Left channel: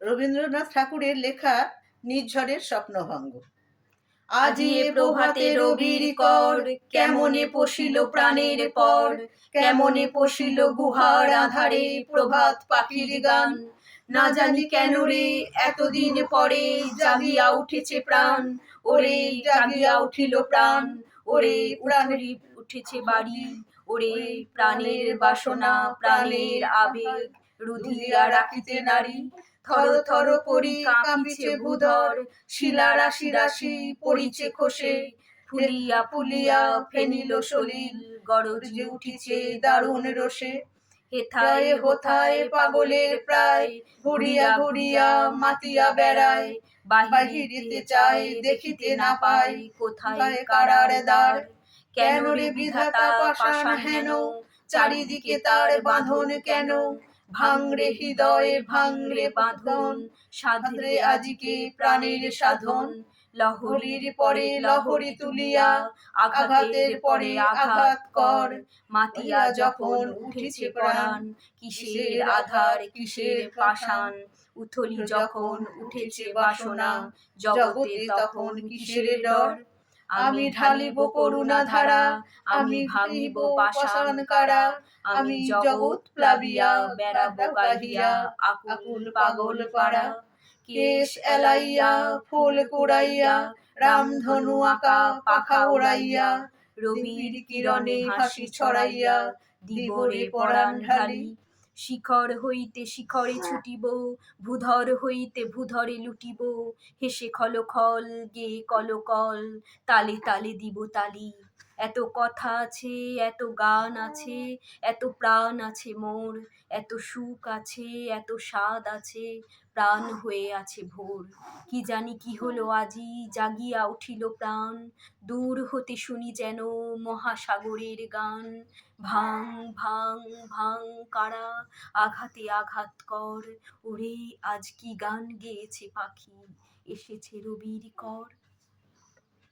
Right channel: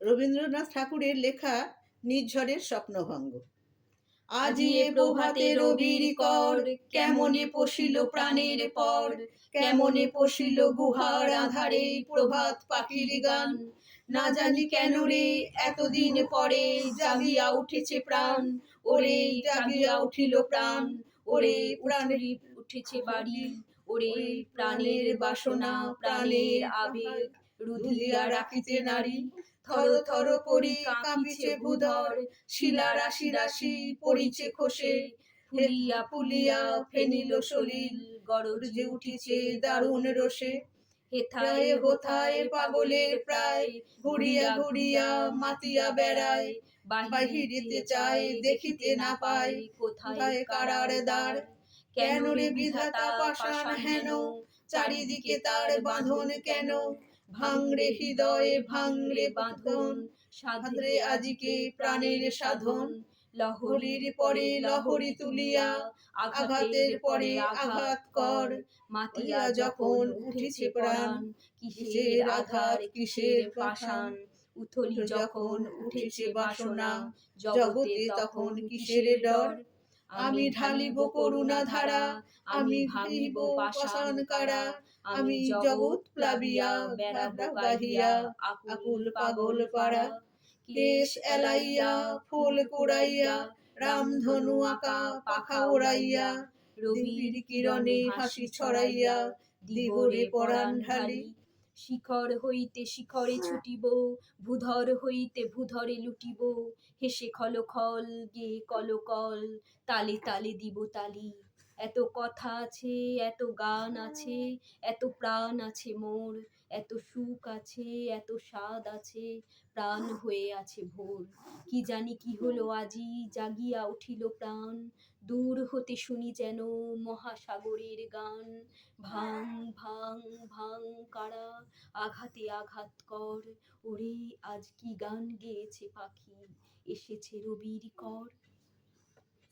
রবীন্দ্রনাথ ঠাকুরের লেখা নির্ঝরের স্বপ্নভঙ্গ। আজি এ প্রভাতে রবির কর, কেমনে পশিল প্রাণের পর, কেমনে পশিল গুহার আধারে প্রভাত পাখির গান। না জানি কেন রে এতদিন পরে জাগিয়া উঠেছে প্রাণ, ওরে জাগিয়া উঠিল প্রাণ, ওরে উঠলি উঠেছে বাড়ি, ওরে প্রাণের বাসনা প্রাণের আবেগ রুধিয়া রাখিতে নারী। থর থর করি কাঁপিছে ভূধর, শিলা রাশি রাশি পড়িছে খসে, ফুলিয়া ফুলিয়া ফেনিল সলিল গরজে উঠিছে দারুণ রোষে। হেথায় হোথায় পাগলের প্রায় ঘুরিয়া ঘুরিয়া মাতিয়া বেড়ায়, বাহিরিতে চায় দেখিতে না পায় কোথায় কারার দ্বার। কেন রে বিধাতা পাষাণ হেন, চারিদিকে তার বাঁধন কেন? ভাঙরে হৃদয় ভাঙরে বাঁধন, সাধরে আজিকে প্রাণের সাধন। লহরীর পরে লহরী তুলিয়া আঘাতের পরে আঘাত কর, মাতিয়া যখন উঠেছে প্রাণ, কিসের আধার কিসের পাষাণ। উথলি যখন উঠেছে বাসনা, জগতে তখন কিসের ডর। আমি ঢালিব করুণা ধারা, আমি ভাঙিব পাষাণ কারা, আমি জগৎ প্লাবিয়া বেড়াবো গাহিয়া আকুল পাগল পাড়া। কেশ এলাইয়া ফুল কুড়াইয়া, রামধনু আঁকা পাখা উড়াইয়া, রবির কিরণে হাসি ছড়াইয়া দিব রে পরাণ ঢালি। শিখর হইতে শিখরে ছুটিব, ভূধর হইতে ভূধরে লুটিব, হেসে খল খল গে কলকল, তালে তালে দিব তালি। এত কথা আছে এত গান আছে, এত প্রাণ আছে মোর, এত সুখ আছে এত স্বাদ আছে, প্রাণ হয়ে আছে ভোর। কি জানি কি হলো আজি জাগিয়া উঠিল প্রাণ, দূর হতে শুনি যেন মহাসাগরের গান। ভাং ভাং ভাং কারা, আঘাতে আঘাত কর, ওরে আজ কি গান গেয়েছে পাখি, এসেছে রবির কর।